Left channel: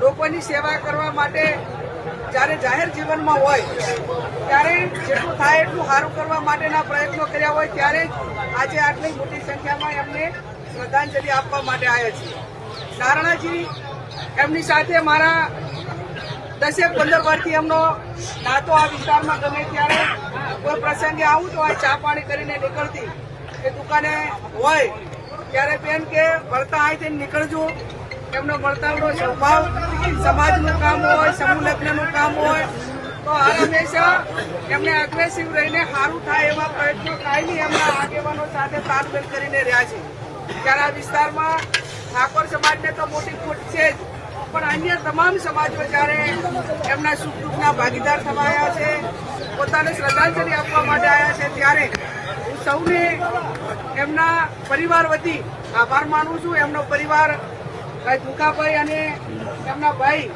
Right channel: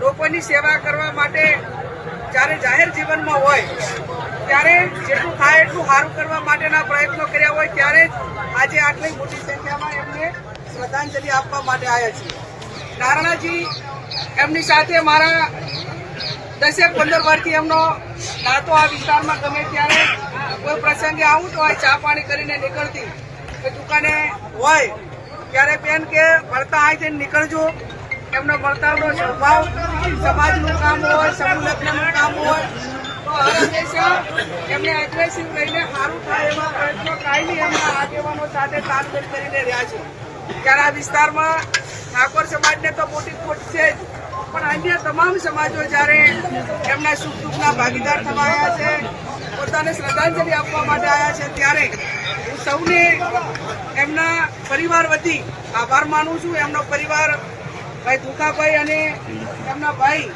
લોકોની સેવા કરવા માટે જ્યારે જાહેર જીવનમાં હોય, ત્યારે જેટલું થાય એટલું સારું કરવા માટેના પ્રયત્નો કર્યા હોય, ત્યારે જ આજે આટલી મોટી સંખ્યામાં એમને શ્રદ્ધાંજલિ આપવા માટે આવ્યા છીએ. નારણાજી એમની સાથે મારા દસેક પંદર વર્ષથી એમનો નાતો આ વિસ્તારમાં ગમે ત્યારે કોઈ પ્રસંગે આવું તો આ ચા પાણી કરીને નીકળતી એ દુકાને હોય, ત્યારે બેન કે, વળતા અહીંથી નીકળજો. એમનો વળતાનો સ્વભાવ સમાજનું કામ હોય સમૂહ લગ્નનું કામ હોય, તો હંમેશા એમને અગ્રેસિવ રહીને સારું થાય એવા પ્રયત્નો કાયમી એમના આગેવાનો સાથે તાલમેલ કરીને રહ્યા છે. ત્યારે વિસ્તારમાં ઠાકોર સમાજને તો મોટી ખોટ છે જ, પણ અન્ય તમામ સમાજો જ્યારે એમના સુખ દુઃખના ભાગીદાર થવા છે, પોતાને શ્રદ્ધાંજલિ આપવા માટે આવ્યા છે, ત્યારે હું સૌને એમના પરિવાર વતી આભાર માનું છું. એમનો પરિવાર ભાઈ દુખાભાઈ અને એમના ભાઈ.